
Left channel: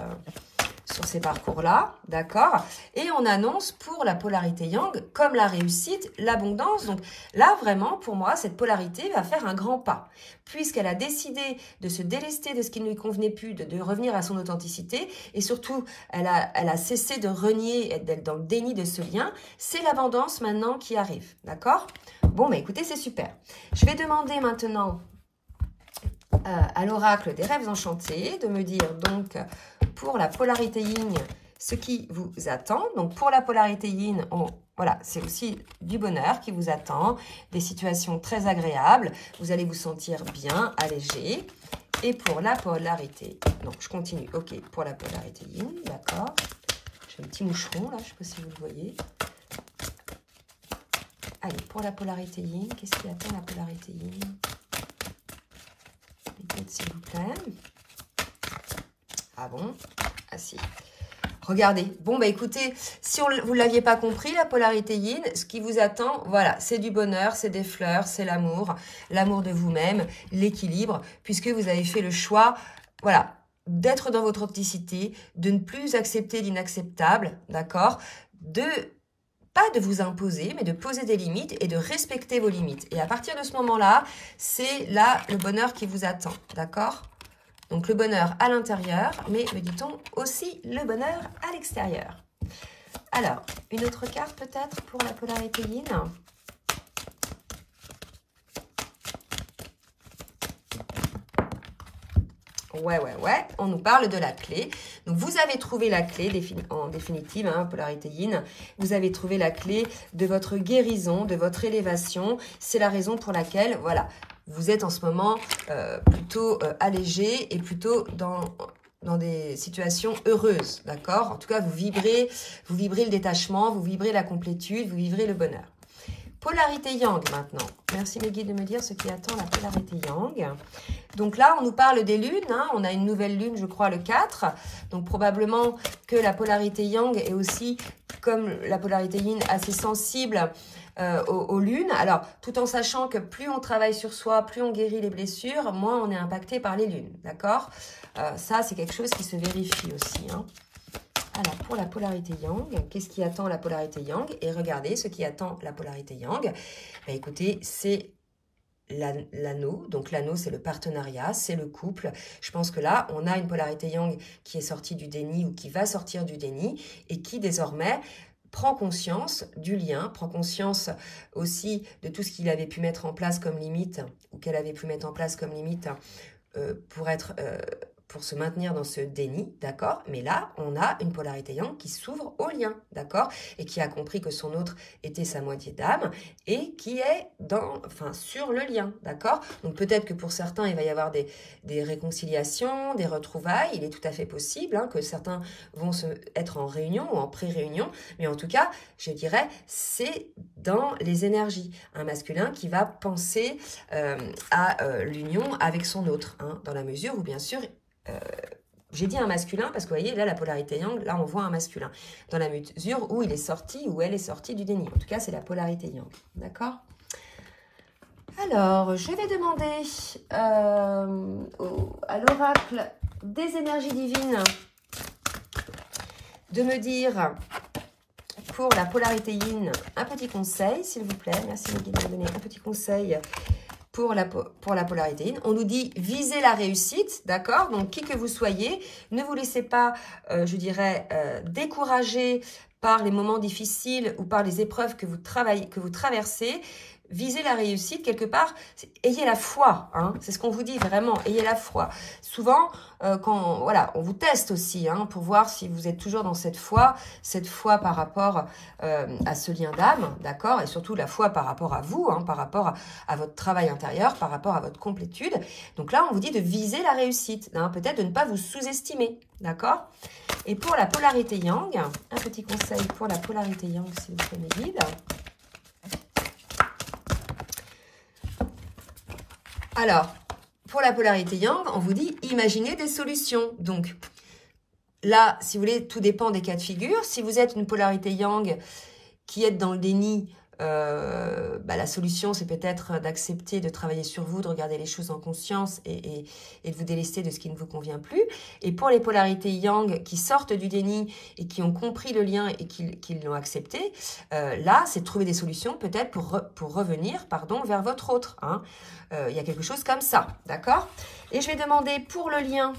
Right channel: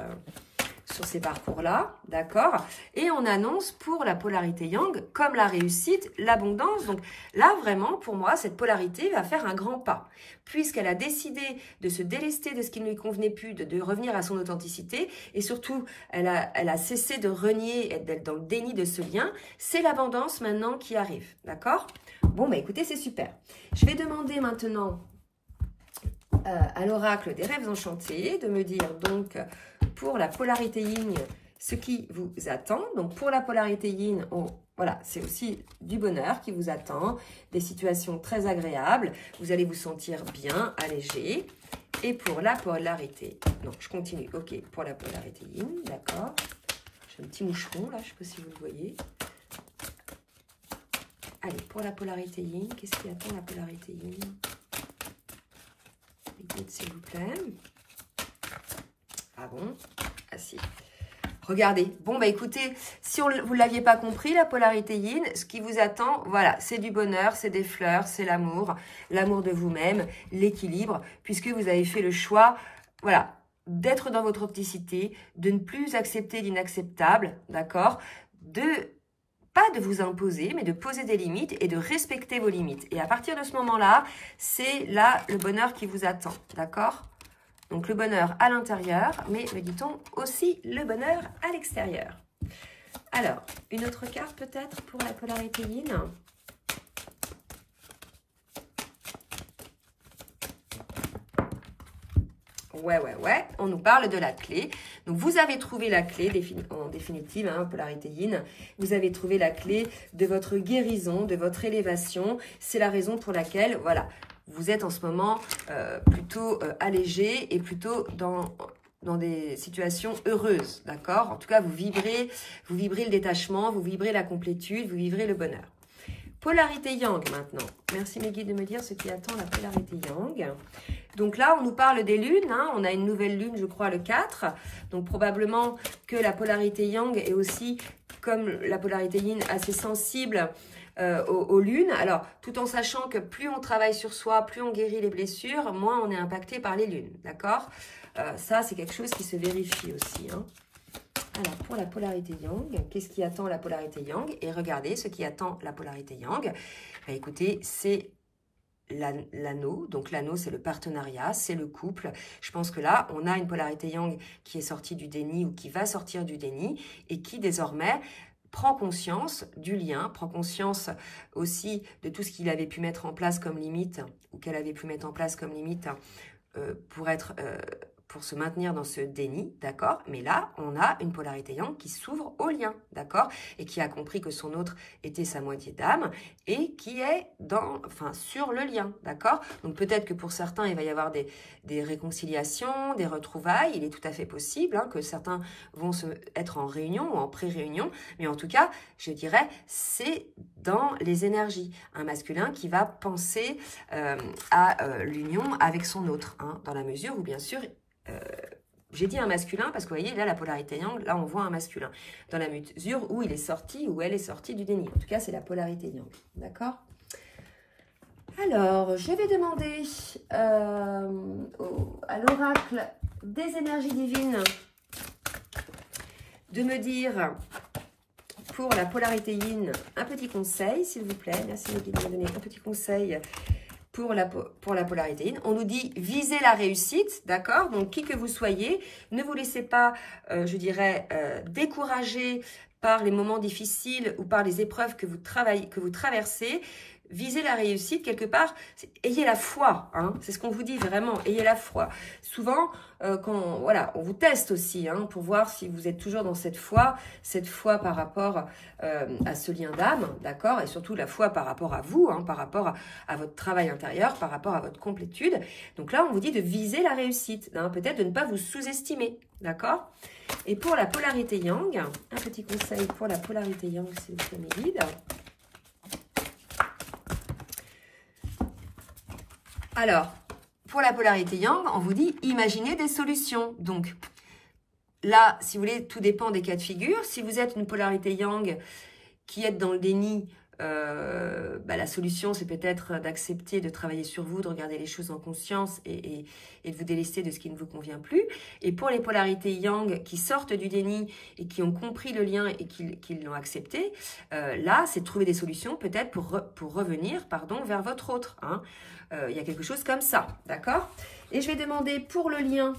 ces parcours-là, d'accord? Et on annonce pour la polarité yang, comme la réussite, l'abondance. Donc là, vraiment, pour moi, cette polarité va faire un grand pas, puisqu'elle a décidé de se délester de ce qui ne lui convenait plus, de revenir à son authenticité, et surtout, elle a cessé de renier et d'être dans le déni de ce lien. C'est l'abondance maintenant qui arrive, d'accord? Bon, bah écoutez, c'est super. Je vais demander maintenant à l'oracle des rêves enchantés de me dire donc pour la polarité yin ce qui vous attend. Donc pour la polarité yin, voilà, c'est aussi du bonheur qui vous attend, des situations très agréables, vous allez vous sentir bien, allégé. Et pour la polarité, donc je continue, ok, pour la polarité yin, d'accord. J'ai un petit moucheron là, je ne sais pas si vous le voyez. Allez, pour la polarité yin, qu'est-ce qui attend la polarité yin? S'il vous plaît. Ah bon? Ah si. Regardez. Bon, bah écoutez, si vous ne l'aviez pas compris, la polarité yin, ce qui vous attend, voilà, c'est du bonheur, c'est des fleurs, c'est l'amour de vous-même, l'équilibre, puisque vous avez fait le choix, voilà, d'être dans votre authenticité, de ne plus accepter l'inacceptable, d'accord? Pas de vous imposer, mais de poser des limites et de respecter vos limites. Et à partir de ce moment-là, c'est là le bonheur qui vous attend, d'accord? Donc le bonheur à l'intérieur, mais me dit-on aussi le bonheur à l'extérieur. Alors, une autre carte peut-être pour la polarité yin. Ouais, on nous parle de la clé. Donc, vous avez trouvé la clé, en définitive, hein, polarité yin. Vous avez trouvé la clé de votre guérison, de votre élévation. C'est la raison pour laquelle, voilà, vous êtes en ce moment plutôt allégé et plutôt dans des situations heureuses, d'accord? En tout cas, vous vibrez le détachement, vous vibrez la complétude, vous vibrez le bonheur. Polarité yang maintenant. Merci mes guides de me dire ce qui attend la polarité yang. Donc là, on nous parle des lunes. Hein. On a une nouvelle lune, je crois, le 4. Donc probablement que la polarité yang est aussi, comme la polarité yin, assez sensible aux lunes. Alors, tout en sachant que plus on travaille sur soi, plus on guérit les blessures, moins on est impacté par les lunes. D'accord? Ça, c'est quelque chose qui se vérifie aussi. Hein. Alors, pour la polarité yang, qu'est-ce qui attend la polarité yang? Et regardez, ce qui attend la polarité yang, bah, écoutez, c'est l'anneau. Donc, l'anneau, c'est le partenariat, c'est le couple. Je pense que là, on a une polarité yang qui est sortie du déni ou qui va sortir du déni et qui, désormais, prend conscience du lien, prend conscience aussi de tout ce qu'il avait pu mettre en place comme limite ou qu'elle avait pu mettre en place comme limite pour se maintenir dans ce déni, d'accord? Mais là, on a une polarité yang qui s'ouvre au lien, d'accord? Et qui a compris que son autre était sa moitié d'âme et qui est sur le lien, d'accord? Donc peut-être que pour certains, il va y avoir des réconciliations, des retrouvailles. Il est tout à fait possible hein, que certains vont être en réunion ou en pré-réunion. Mais en tout cas, je dirais, c'est dans les énergies. Un masculin qui va penser à l'union avec son autre, hein, dans la mesure où, bien sûr, j'ai dit un masculin parce que vous voyez, là, la polarité yang, là, on voit un masculin. Dans la mesure où il est sorti, où elle est sortie du déni. En tout cas, c'est la polarité yang. D'accord? Alors, je vais demander à l'oracle des énergies divines de me dire, pour la polarité yin, un petit conseil, s'il vous plaît. Merci, de me donner un petit conseil pour la polarité yin. On nous dit visez la réussite, d'accord? Donc, qui que vous soyez, ne vous laissez pas, je dirais, décourager par les moments difficiles ou par les épreuves que vous traversez. visez la réussite, quelque part, ayez la foi, hein, c'est ce qu'on vous dit vraiment, ayez la foi. Souvent, voilà, on vous teste aussi, hein, pour voir si vous êtes toujours dans cette foi par rapport à ce lien d'âme, d'accord, et surtout la foi par rapport à vous, hein, par rapport à votre travail intérieur, par rapport à votre complétude. Donc là, on vous dit de viser la réussite, hein, peut-être de ne pas vous sous-estimer, d'accord. Et pour la polarité yang, un petit conseil pour la polarité yang, s'il vous plaît, mes guides. Alors, pour la polarité yang, on vous dit imaginez des solutions. Donc, là, si vous voulez, tout dépend des cas de figure. Si vous êtes une polarité yang qui est dans le déni, la solution, c'est peut-être d'accepter de travailler sur vous, de regarder les choses en conscience et de vous délester de ce qui ne vous convient plus. Et pour les polarités yang qui sortent du déni et qui ont compris le lien et qui l'ont accepté, là, c'est de trouver des solutions peut-être pour revenir, vers votre autre. Hein. Il y a quelque chose comme ça, d'accord? Et je vais demander pour le lien,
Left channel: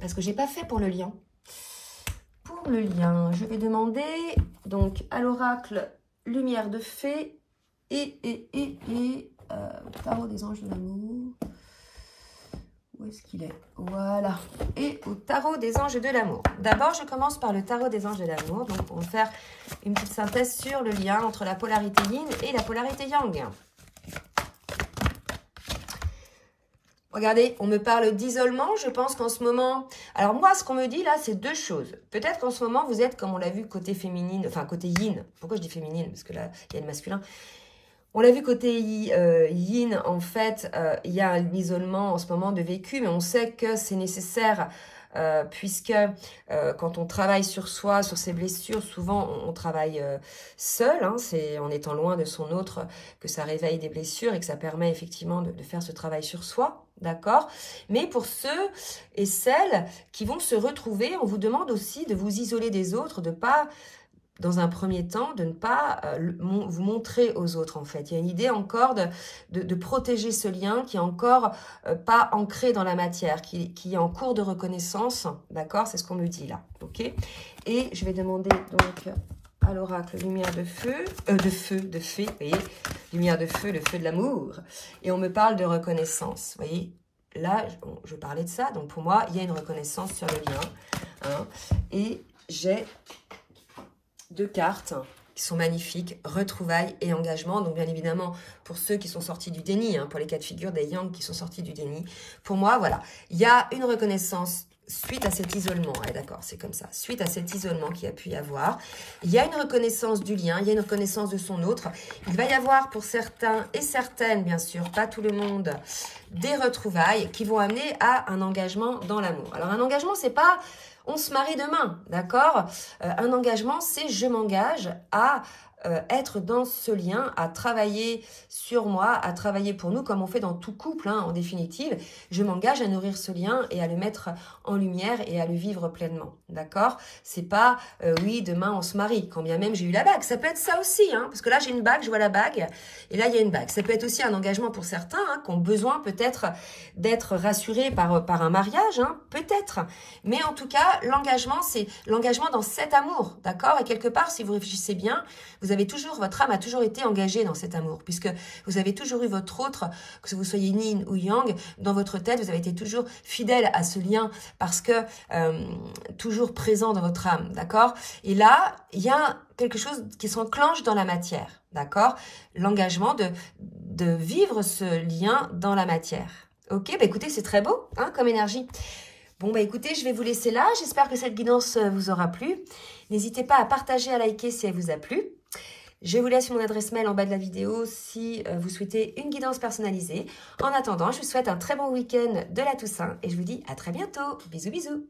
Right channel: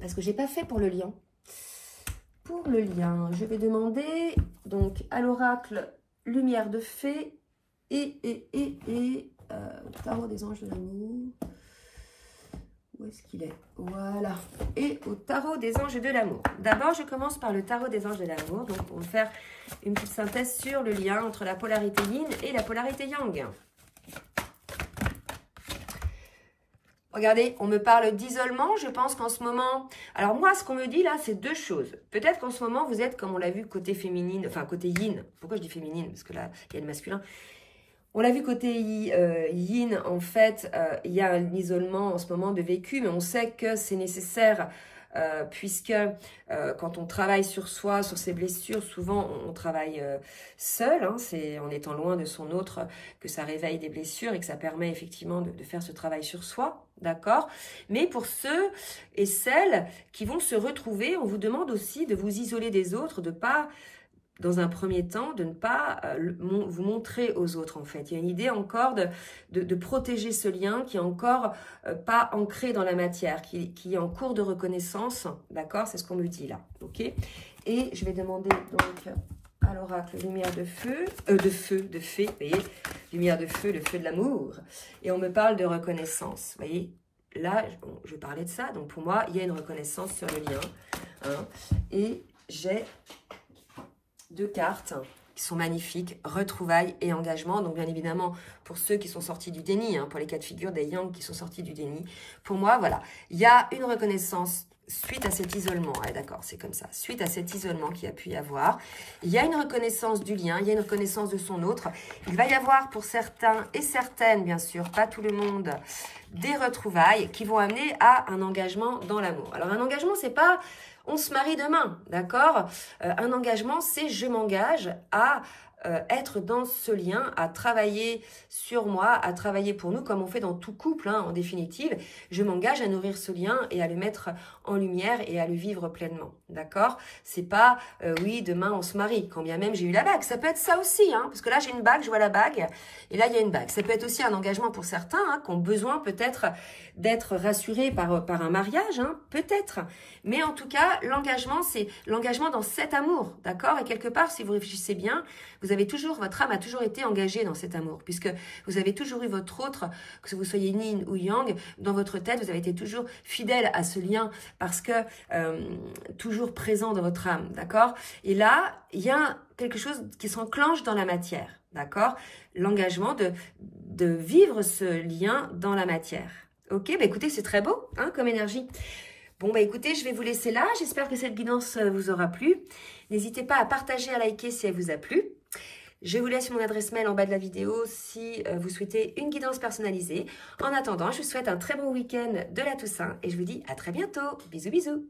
parce que je n'ai pas fait pour le lien. Pour le lien, je vais demander donc à l'oracle Lumière de Fée et Tarot des Anges de l'amour. Où est-ce qu'il est? Voilà. Et au Tarot des Anges de l'amour. D'abord, je commence par le Tarot des Anges de l'amour. Donc, on va faire une petite synthèse sur le lien entre la polarité yin et la polarité yang. Regardez, on me parle d'isolement. Je pense qu'en ce moment... Alors moi, ce qu'on me dit là, c'est deux choses. Peut-être qu'en ce moment, vous êtes, comme on l'a vu, côté féminine, enfin côté yin. Pourquoi je dis féminine? Parce que là, il y a le masculin. On l'a vu côté yin, en fait, il y a un isolement en ce moment de vécu, mais on sait que c'est nécessaire puisque quand on travaille sur soi, sur ses blessures, souvent on travaille seul, hein, c'est en étant loin de son autre que ça réveille des blessures et que ça permet effectivement de faire ce travail sur soi, d'accord? Mais pour ceux et celles qui vont se retrouver, on vous demande aussi de vous isoler des autres, de pas... dans un premier temps, de ne pas vous montrer aux autres, en fait. Il y a une idée encore de protéger ce lien qui est encore pas ancré dans la matière, qui est en cours de reconnaissance, d'accord? C'est ce qu'on me dit là, ok? Et je vais demander donc à l'oracle lumière de feu, de fée, vous voyez? Lumière de feu, le feu de l'amour. Et on me parle de reconnaissance, vous voyez? Là, je parlais de ça, donc pour moi, il y a une reconnaissance sur le lien. Hein, et j'ai... deux cartes qui sont magnifiques, retrouvailles et engagement. Donc, bien évidemment, pour ceux qui sont sortis du déni, hein, pour les cas de figure des yang qui sont sortis du déni, pour moi, voilà, il y a une reconnaissance suite à cet isolement. Ouais, d'accord, c'est comme ça. Suite à cet isolement qu'il y a pu y avoir, il y a une reconnaissance du lien, il y a une reconnaissance de son autre. Il va y avoir pour certains et certaines, bien sûr, pas tout le monde, des retrouvailles qui vont amener à un engagement dans l'amour. Alors, un engagement, c'est pas... on se marie demain, d'accord? Un engagement, c'est je m'engage à être dans ce lien, à travailler sur moi, à travailler pour nous, comme on fait dans tout couple, hein, en définitive. Je m'engage à nourrir ce lien et à le mettre en lumière et à le vivre pleinement, d'accord? C'est pas, oui, demain on se marie, quand bien même j'ai eu la bague. Ça peut être ça aussi, hein, parce que là j'ai une bague, je vois la bague, et là il y a une bague. Ça peut être aussi un engagement pour certains, hein, qui ont besoin peut-être d'être rassurés par un mariage, hein, peut-être. Mais en tout cas, l'engagement, c'est l'engagement dans cet amour, d'accord? Et quelque part, si vous réfléchissez bien, vous avez toujours, votre âme a toujours été engagée dans cet amour, puisque vous avez toujours eu votre autre, que vous soyez yin ou yang, dans votre tête, vous avez été toujours fidèle à ce lien, parce que toujours présent dans votre âme, d'accord? Et là, il y a quelque chose qui s'enclenche dans la matière, d'accord? L'engagement de vivre ce lien dans la matière. Ok, bah écoutez, c'est très beau, hein, comme énergie. Bon, bah écoutez, je vais vous laisser là. J'espère que cette guidance vous aura plu. N'hésitez pas à partager, à liker si elle vous a plu. Je vous laisse mon adresse mail en bas de la vidéo si vous souhaitez une guidance personnalisée. En attendant, je vous souhaite un très bon week-end de la Toussaint et je vous dis à très bientôt. Bisous, bisous.